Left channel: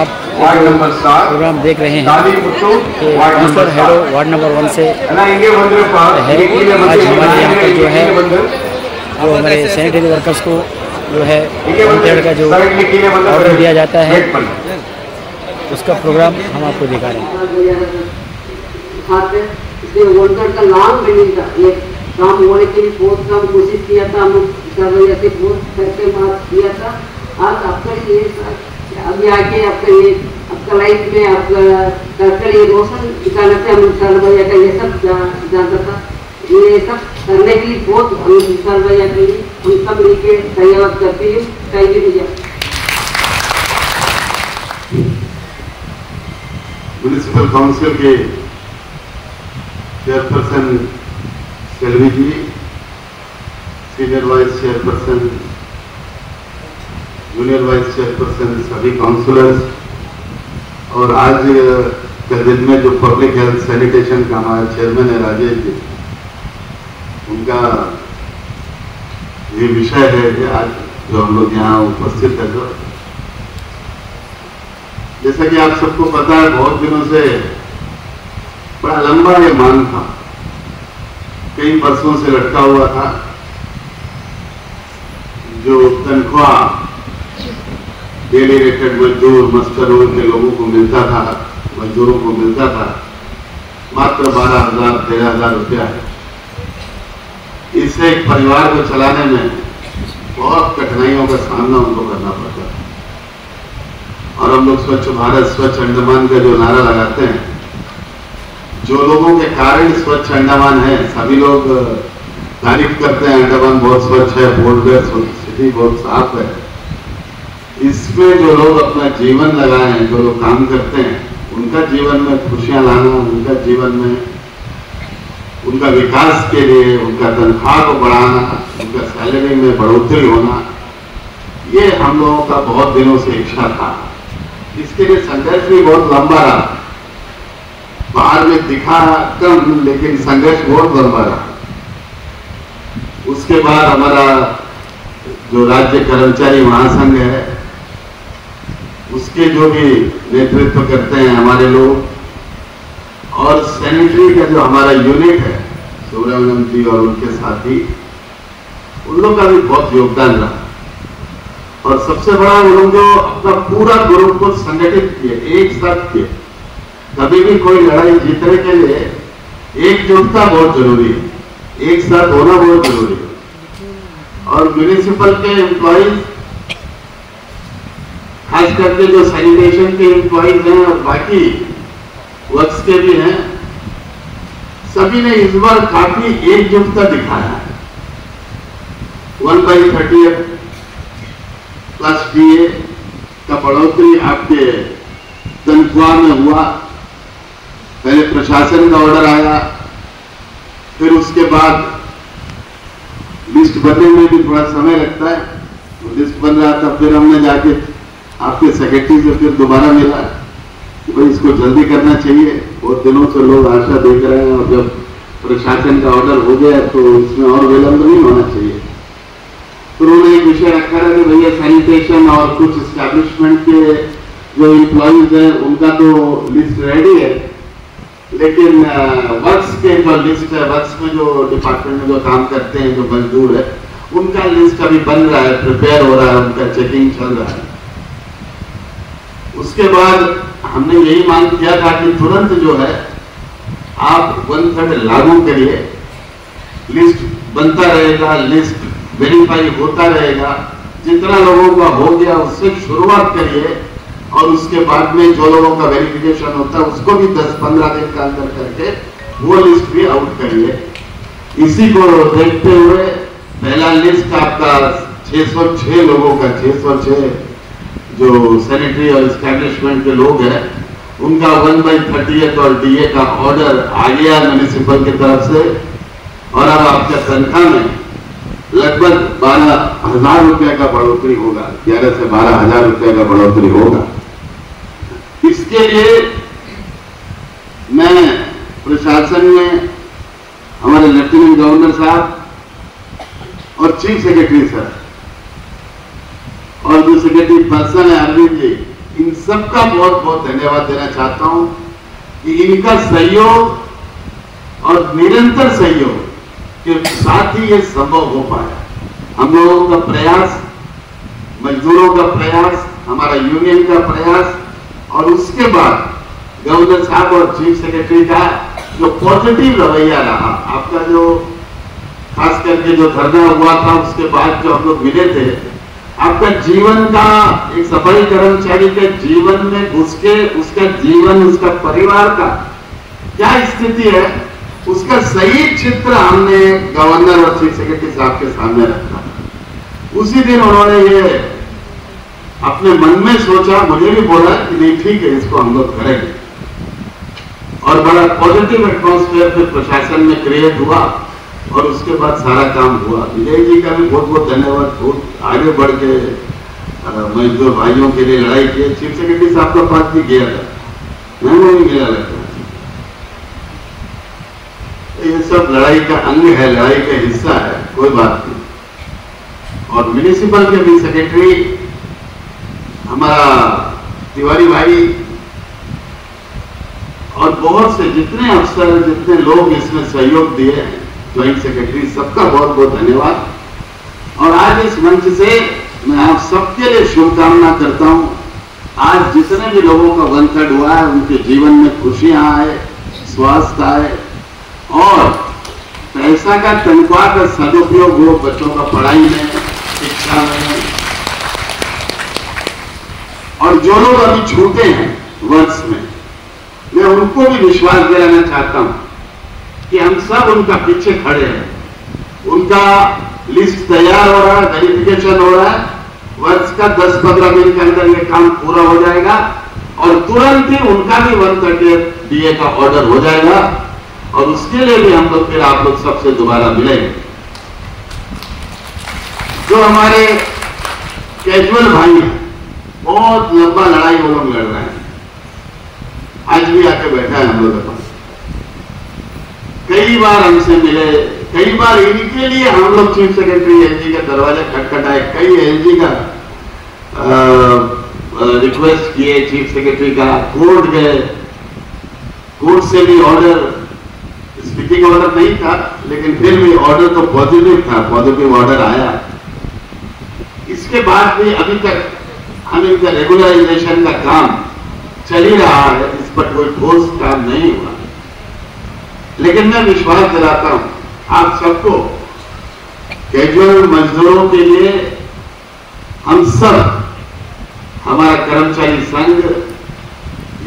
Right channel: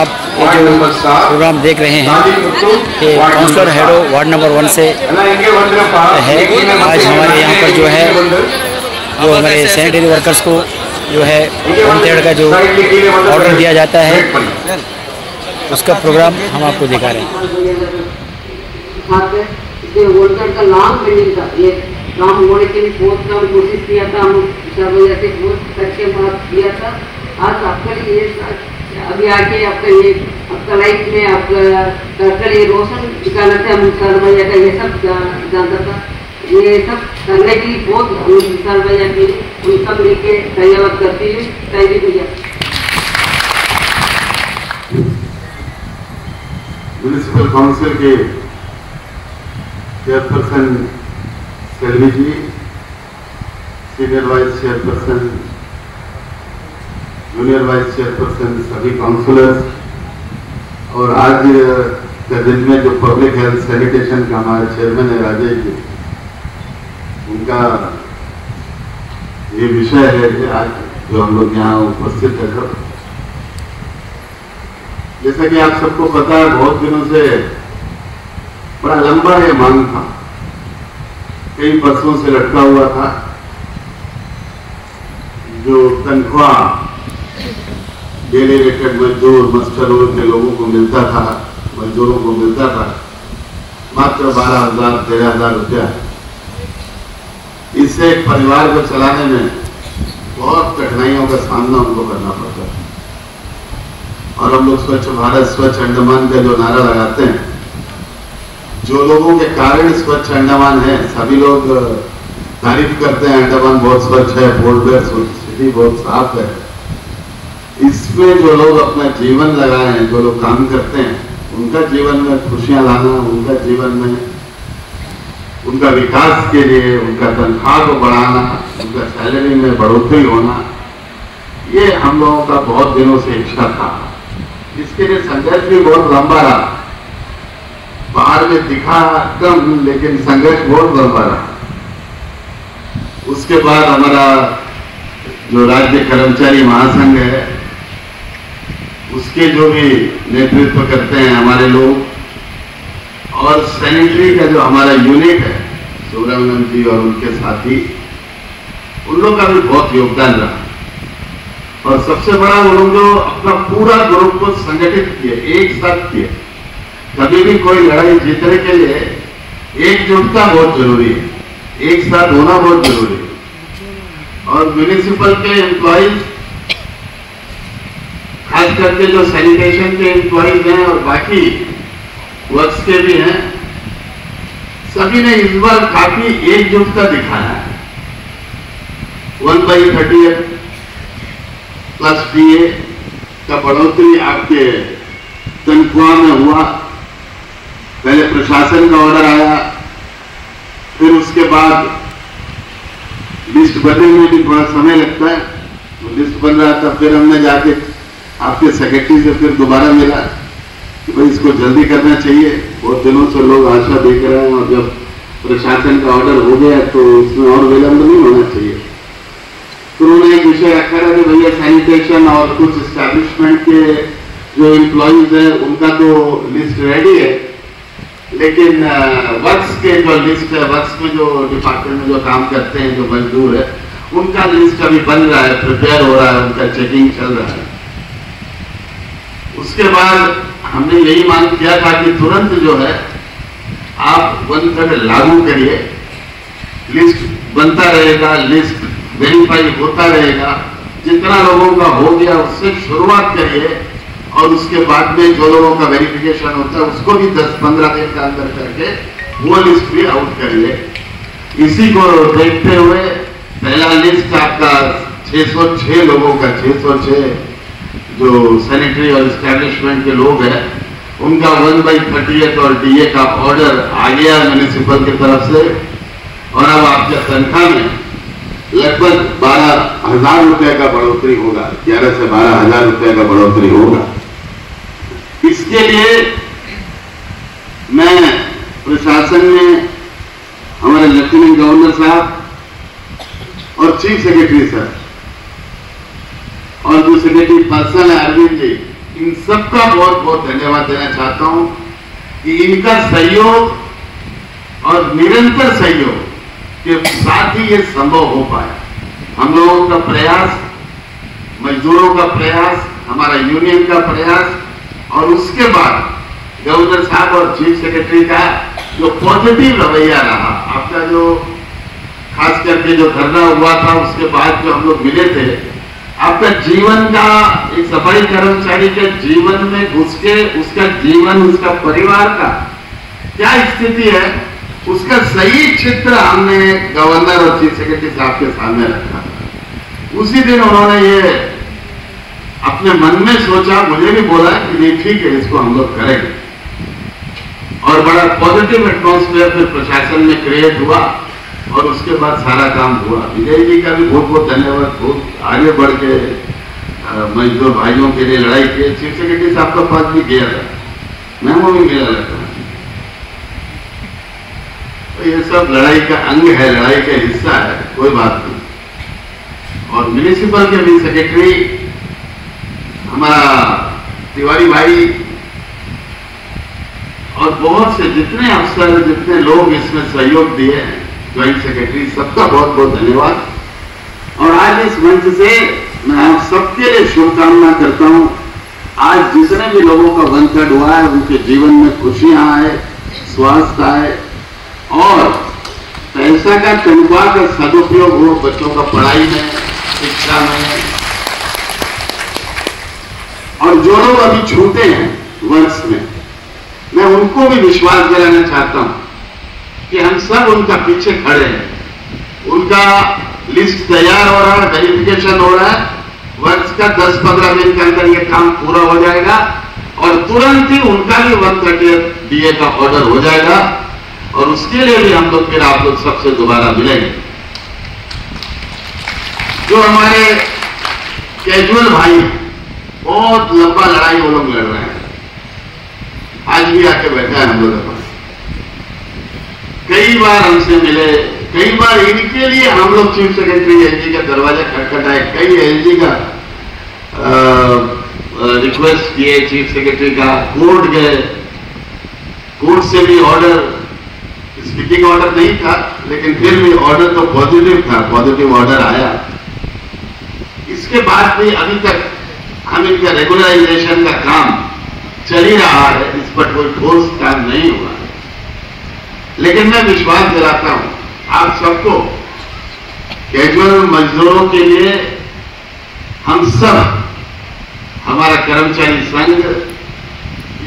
आप ये जो प्रोग्राम देख रहे हैं कि काउंसलर हेडो वार्ड नंबर 1 से है। आज हमारे यहाँ पर जो है जो हमारे सैनिटरी वर्कर्स को जो है 1/3 का जो ऑर्डर दिया जाता है उसका प्रोग्राम हम आपको दिखा रहे हैं। काम होने के लिए बहुत काम कोशिश किया था, हम सर्वैया से बहुत करके बात किया था। आज आपका ये अभी आके आपका लाइफ में आपका ये रोशन दिखाना था। हम सर्वैया का ये सब जानता था, ये सब करने के लिए बहुत हम सर्वैया के लिए हम सब लेके धन्यवाद करते हैं। थैंक यू भैया। म्यूनिसिपल काउंसिल के chairperson Selvi ji, senior vice chairperson, junior vice chairperson, सभी काउंसलर्स, और आज के दिन में जो पब्लिक हेल्थ सैनिटेशन का हमारे चेयरमैन है राजेश जी, उनका ये विषय है कि आज जो हम लोग यहाँ उपस्थित है सर, जैसा कि आप सबको पता है बहुत दिनों से बड़ा लंबा ये मांग था, कई वर्षों से लटका हुआ था। जो तनख्वाह डेली रेटेड मजदूर मस्टर रोल के लोगों को मिलता था, मजदूरों को मिलता था मात्र 12,000-13,000 रुपया। इससे एक परिवार को चलाने में बहुत कठिनाइयों का सामना उनको करना पड़ता है। और हम लोग स्वच्छ भारत स्वच्छ अंडमान का जो नारा लगाते हैं, जो लोगों के कारण स्वच्छ अंडमान है, सभी लोग तारीफ करते हैं अंडमान बहुत स्वच्छ है, पोर्ट सिटी बहुत साफ है। इसमें जो लोग अपना जीवन लगाए हैं, जो लोग काम करते हैं, उनका जीवन में खुशियां लाना, उनका जीवन में उनका विकास के लिए उनका तनख्वाह को बढ़ाना, उनका सैलरी में बढ़ोतरी होना, ये हम लोगों का बहुत दिनों से इच्छा था। इसके लिए संघर्ष भी बहुत लंबा रहा, बाहर में दिखा कम, लेकिन संघर्ष बहुत लंबा रहा। उसके बाद हमारा जो राज्य कर्मचारी महासंघ है, उसके जो भी नेतृत्व करते हैं हमारे लोग, और सैनिटरी का जो हमारा यूनिट है सुब्रमण्यम जी और उनके साथी, उन लोग का भी बहुत योगदान रहा। और सबसे बड़ा उन लोग जो अपना पूरा ग्रुप को संगठित किए, एक साथ किए। कभी भी कोई लड़ाई जीतने के लिए एकजुटता बहुत जरूरी है, एक साथ होना बहुत जरूरी है। और म्यूनिसिपल के एम्प्लॉइज, खास करके जो सैनिटेशन के एम्प्लॉइज हैं और बाकी वर्क्स के भी हैं, सभी ने इस बार काफी एकजुटता दिखाया है। 1/30 प्लस DA का बढ़ोतरी आपके तनख्वाह में हुआ। पहले प्रशासन का ऑर्डर आया, फिर उसके बाद लिस्ट बनने में भी थोड़ा समय लगता है, तो लिस्ट बन रहा था। फिर हमने जाके आपके सेक्रेटरी से फिर दोबारा मिला कि भाई इसको जल्दी करना चाहिए, बहुत दिनों से लोग आशा देख रहे हैं, और जब प्रशासन का ऑर्डर हो गया तो उसमें और विलंब नहीं होना चाहिए। तो उन्होंने एक विषय रखा था कि भैया सैनिटेशन और कुछ एस्टैब्लिशमेंट के जो एम्प्लॉइज हैं उनका तो लिस्ट रेडी है, लेकिन वर्क्स के जो लिस्ट है, वर्क्स में जो डिपार्टमेंट में जो काम करते हैं जो मजदूर है, उनका लिस्ट अभी बन रहा है, प्रिपेयर हो रहा है, उनका चेकिंग चल रहा है। उसके बाद हमने यही मांग किया था कि तुरंत जो है आप 1/3 लागू करिए, लिस्ट बनता रहेगा, लिस्ट वेरीफाई होता रहेगा, जितना लोगों का हो गया उससे शुरुआत करिए, और उसके बाद में जो लोगों का वेरिफिकेशन होता है उसको भी 10-15 दिन का अंदर करके वो लिस्ट भी आउट करिए। इसी को देखते हुए पहला लिस्ट आपका 606 लोगों का, 606 जो सैनिटरी और एस्टैब्लिशमेंट के लोग हैं, उनका 1/30 और DA का ऑर्डर आ गया म्यूनिसिपल की तरफ से। और अब आपके तनख्वाह में लगभग 12,000 रुपये का बढ़ोतरी होगा, 11 से 12,000 रुपये का बढ़ोतरी होगा। इसके लिए मैं प्रशासन में हमारे लेफ्टिनेंट गवर्नर साहब और चीफ सेक्रेटरी सर और जो सेक्रेटरी पर्सन है अरविंद जी, इन सबका बहुत बहुत धन्यवाद देना चाहता हूं कि इनका सहयोग और निरंतर सहयोग के साथ ही ये संभव हो पाया। हम लोगों का प्रयास, मजदूरों का प्रयास, हमारा यूनियन का प्रयास और उसके बाद गवर्नर साहब और चीफ सेक्रेटरी का जो पॉजिटिव रवैया रहा, आपका जो खास करके जो धरना हुआ था उसके बाद जो हम लोग मिले थे, आपका जीवन का एक सफाई कर्मचारी के जीवन में घुस के उसका जीवन, उसका परिवार का क्या स्थिति है, उसका सही चित्र हमने गवर्नर और चीफ सेक्रेटरी साहब के सामने रखा। उसी दिन उन्होंने ये अपने मन में सोचा, मुझे भी बोला कि नहीं ठीक है, इसको हम लोग करेंगे, और बड़ा पॉजिटिव एटमॉस्फेयर फिर प्रशासन में क्रिएट हुआ और उसके बाद सारा काम हुआ। विजय जी का भी बहुत बहुत धन्यवाद, बहुत आगे बढ़ के मजदूर भाइयों के लिए लड़ाई की। चीफ सेक्रेटरी साहब का पास भी गया था, मैं वो भी मिला रहता हूं। तो ये सब लड़ाई का अंग है, लड़ाई का हिस्सा है, कोई बात नहीं। और म्युनिसिपल के भी सेक्रेटरी हमारा तिवारी भाई और बहुत से जितने अफसर, जितने लोग इसमें सहयोग दिए हैं, ज्वाइंट सेक्रेटरी, सबका बहुत बहुत धन्यवाद। और आज इस मंच से मैं आप सबके लिए शुभकामना करता हूं। आज जितने भी लोगों का वंथड हुआ है, उनके जीवन में खुशियां आए, स्वास्थ्य आए और पैसा का, तनख्वाह का सदुपयोग हो बच्चों का पढ़ाई में, शिक्षा में। और जो लोग अभी छूटे हैं वर्ष में, मैं उनको भी विश्वास दिलाना चाहता हूं कि हम सब उनका पीछे खड़े हैं। उनका लिस्ट तैयार हो रहा है, वेरिफिकेशन हो रहा है, वर्ष का 10-15 दिन के अंदर ये काम पूरा हो जाएगा और तुरंत ही उनका भी 130 DA का ऑर्डर हो जाएगा और उसके लिए भी हम लोग फिर आप लोग सबसे दोबारा मिलेंगे। जो हमारे कैजुअल भाई हैं, बहुत लंबा लड़ाई वो लोग लड़ रहे हैं, आज भी आके बैठा है हम लोगों के पास, कई बार हमसे मिले, कई बार इनके लिए हम लोग चीफ सेक्रेटरी एलजी का दरवाजा खटखटाए, कई एलजी का रिक्वेस्ट किए, चीफ सेक्रेटरी का, कोर्ट गए, कोर्ट से भी ऑर्डर, स्पीकिंग ऑर्डर नहीं था लेकिन फिर भी ऑर्डर तो पॉजिटिव था, पॉजिटिव ऑर्डर आया। इसके बाद भी अभी तक हम इनका रेगुलराइजेशन का काम चल ही रहा है, इस पर कोई ठोस काम नहीं हुआ। लेकिन मैं विश्वास दिलाता हूं आप सबको, कैजुअल मजदूरों के लिए हम सब, हमारा कर्मचारी संघ,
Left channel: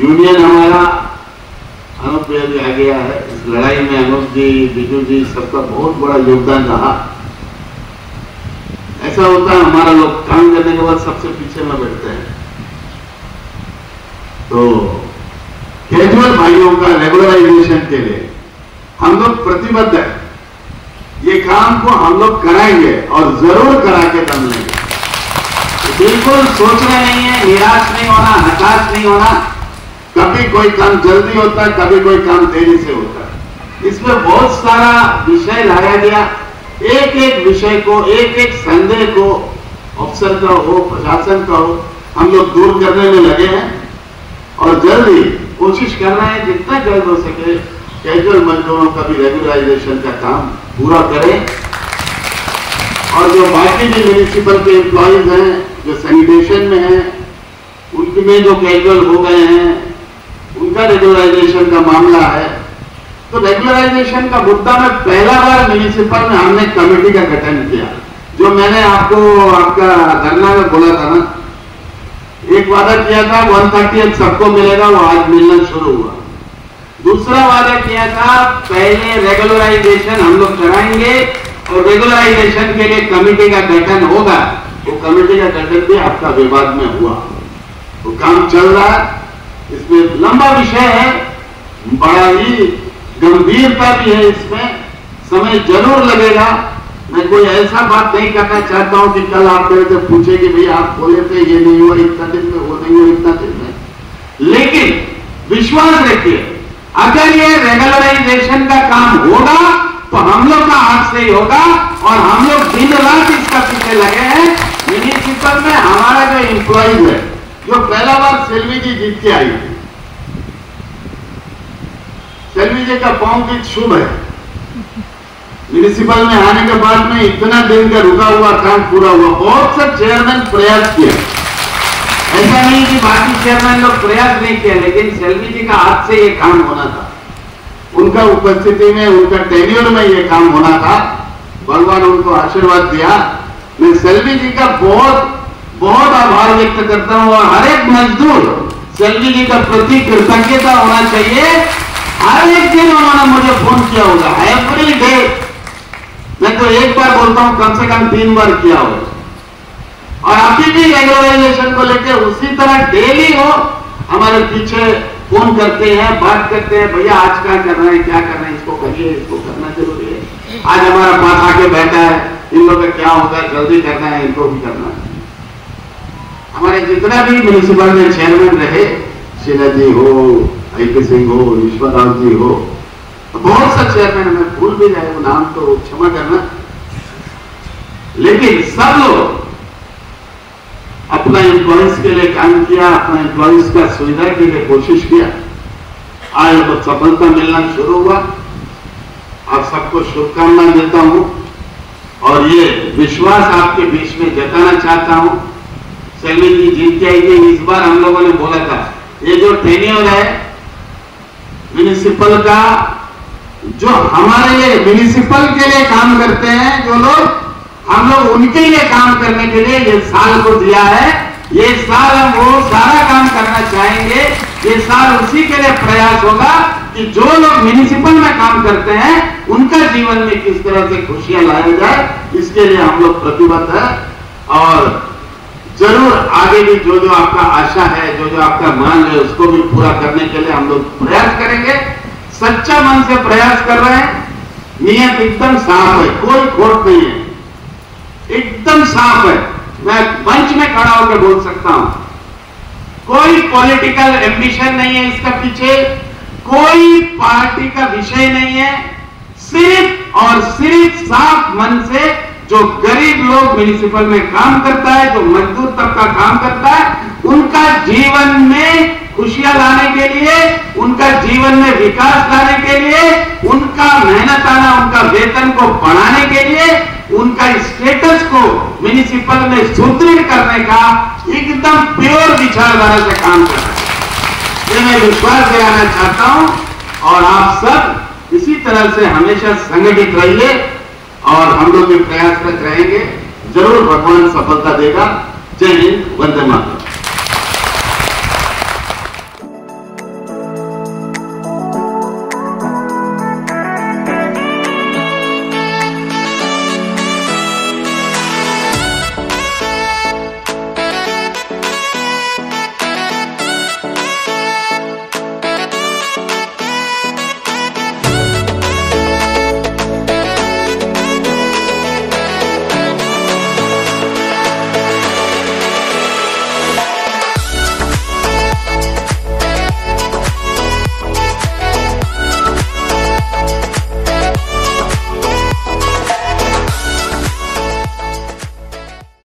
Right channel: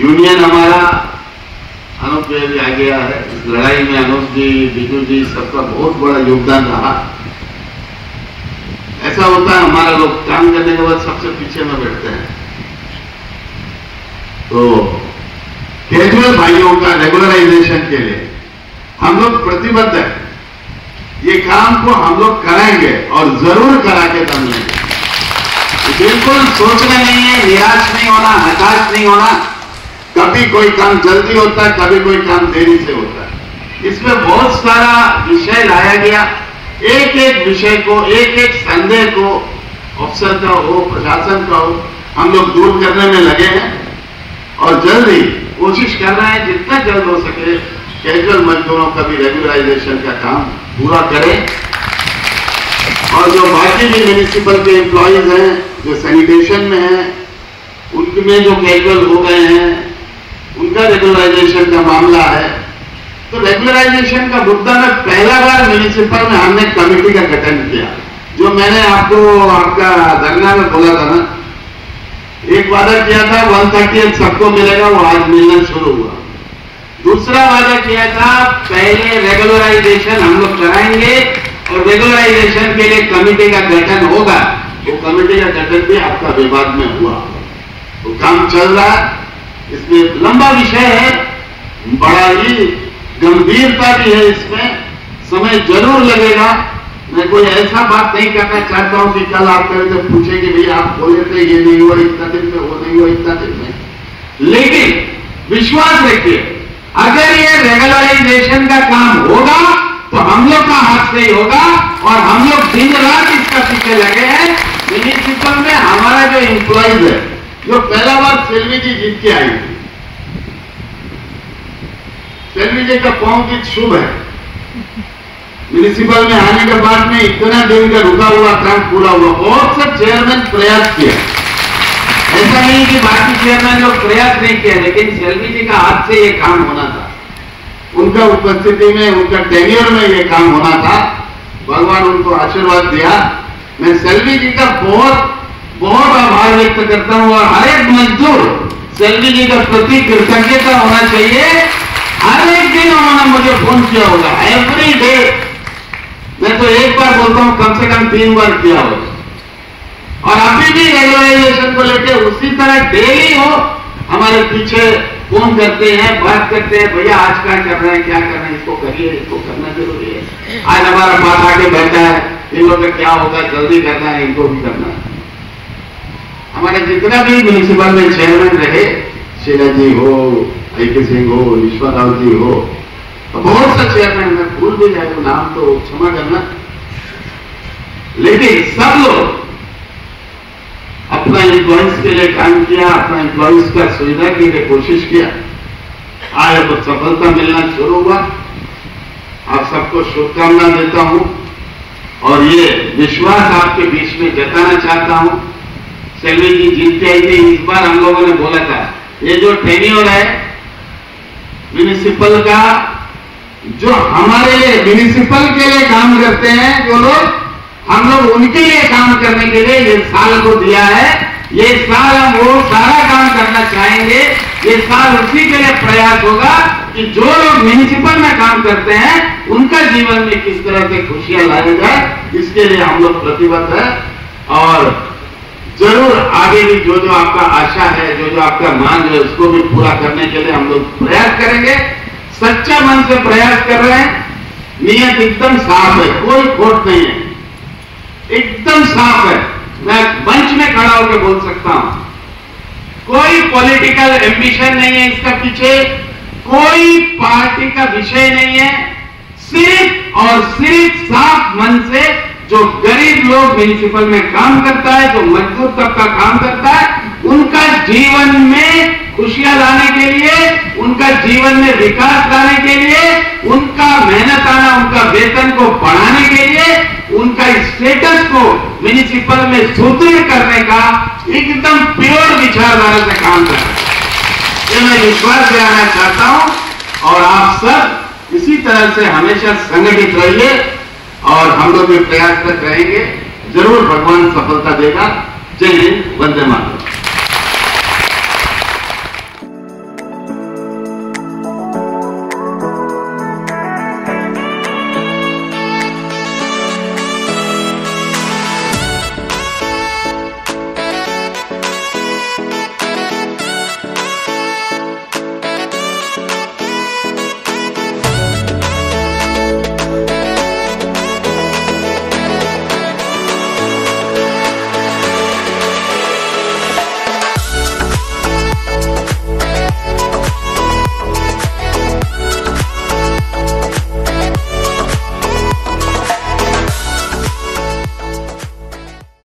यूनियन हमारा, अनुप भी आ गया है इस लड़ाई में, अनुप जी, बिजू जी, सबका बहुत बड़ा योगदान रहा। ऐसा होता है हमारा लोग काम करने के बाद सबसे पीछे में बैठते हैं, तो कैजुअल भाइयों का रेगुलराइजेशन के लिए हम लोग प्रतिबद्ध है। ये काम को हम लोग कराएंगे और जरूर करा के दम लेंगे। बिल्कुल सोचना नहीं है, निराश नहीं होना, हताश नहीं होना। कभी कोई काम जल्दी होता है, कभी कोई काम देरी से होता है। इसमें बहुत सारा विषय लाया गया, एक एक विषय को, एक एक संदेह को, अफसर का हो, प्रशासन का हो, हम लोग दूर करने में लगे हैं और जल्दी कोशिश कर रहे हैं जितना जल्द हो सके कैजुअल मजदूरों का भी रेगुलराइजेशन का काम पूरा करें। और जो बाकी भी म्युनिसिपल के एम्प्लॉइज हैं जो सैनिटेशन में हैं, उनमें जो कैजुअल हो गए हैं, उनका रेगुलराइजेशन का मामला है। तो रेगुलराइजेशन का मुद्दा में पहला बार म्युनिसिपल में हमने कमेटी का गठन किया, जो मैंने आपको आपका धरना में बोला था ना, एक वादा किया था 130 सबको मिलेगा, वो आज मिलना शुरू हुआ। दूसरा वादा किया था पहले रेगुलराइजेशन हम लोग कराएंगे और रेगुलराइजेशन के लिए कमेटी का गठन होगा। वो कमेटी का गठन भी आपका विवाद में हुआ, वो काम चल रहा है। इसमें लंबा विषय है, बड़ा ही गंभीरता भी है, इसमें समय जरूर लगेगा। मैं कोई ऐसा बात नहीं करना चाहता हूं कि कल आप मेरे से पूछे कि भैया आप बोले थे ये नहीं हुआ इतना दिन में, वो नहीं हुआ इतना दिन में। लेकिन विश्वास रखिए, अगर ये रेगुलराइजेशन का काम होगा तो हम लोग का हाथ से ही होगा और हम लोग दिन रात इसका पीछे लगे हैं। म्युनिसिपल में हमारा जो एम्प्लॉइज है जो पहला बार सेल्वी जी जीत के आई थी। सेल्वी जी का पांव भी शुभ है। म्यूनिसिपल में आने के बाद में इतना दिन का रुका हुआ काम पूरा हुआ। बहुत से चेयरमैन प्रयास किए, ऐसा नहीं कि बाकी चेयरमैन लोग प्रयास नहीं किए, लेकिन सेल्वी जी का हाथ से ये काम होना था। उनका उपस्थिति में, उनका टेन्योर में ये काम होना था। भगवान उनको आशीर्वाद दिया। मैं सेल्वी जी का बहुत बहुत आभार व्यक्त करता हूं और हर एक मजदूर सेल्वी जी का प्रति कृतज्ञता होना चाहिए। हर एक दिन उन्होंने मुझे फोन किया होगा, एवरी डे। मैं तो एक बार बोलता हूं, कम से कम 3 बार किया होगा। और अभी भी रेगुलराइजेशन को लेकर उसी तरह डेली हो हमारे पीछे फोन करते हैं, बात करते हैं, भैया आज क्या कर रहे हैं, क्या कर रहे हैं, इसको करिए, इसको करना जरूरी है। आज हमारा पास आके बैठा है, इन लोगों का क्या होता है, जल्दी करना है, इनको भी करना है। हमारे जितना भी म्यूनिसिपल में चेयरमैन रहे, शीला जी हो, आई सिंह हो, ईश्वर राव जी हो, तो बहुत से चेयरमैन, मैं भूल भी जाए नाम तो क्षमा करना, लेकिन सब लोग अपना एम्प्लॉइज के लिए काम किया, अपना एम्प्लॉइज का सुविधा के लिए कोशिश किया। आज अब सफलता मिलना शुरू हुआ। आप सबको शुभकामना देता हूं और ये विश्वास आपके बीच में जताना चाहता हूं। सेल्वी जी जीत के आई थी। इस बार हम लोगों ने बोला था, ये जो टेन्योर है म्यूनिसिपल का, जो हमारे लिए म्यूनिसिपल के लिए काम करते हैं जो लोग, हम लोग उनके लिए काम करने के लिए ये साल को दिया है। ये साल हम वो सारा काम करना चाहेंगे। ये साल उसी के लिए प्रयास होगा कि जो लोग म्यूनिसिपल में काम करते हैं उनका जीवन में किस तरह से खुशियां लाया जाए, इसके लिए हम लोग प्रतिबद्ध है। और जरूर आगे भी जो जो आपका आशा है, जो जो आपका मांग है, उसको भी पूरा करने के लिए हम लोग प्रयास करेंगे। सच्चा मन से प्रयास कर रहे हैं, नियत एकदम साफ है, कोई खोट नहीं है, एकदम साफ है। मैं मंच में खड़ा होकर बोल सकता हूं, कोई पॉलिटिकल एम्बिशन नहीं है इसका पीछे, कोई पार्टी का विषय नहीं है। सिर्फ और सिर्फ साफ मन से जो गरीब लोग म्यूनिसिपल में काम करता है, जो मजदूर तबका काम करता है, उनका जीवन में खुशियां लाने के लिए, उनका जीवन में विकास लाने के लिए, उनका मेहनत आना, उनका वेतन को बढ़ाने के लिए, उनका स्टेटस को म्यूनिसिपल में सुदृढ़ करने का एकदम प्योर विचारधारा से काम कर रहा है। ये मैं विश्वास दिलाना चाहता हूं और आप सब इसी तरह से हमेशा संगठित रहिए और हम लोग भी प्रयासरत रहेंगे। जरूर भगवान सफलता देगा। जय हिंद, वंदे मातरम।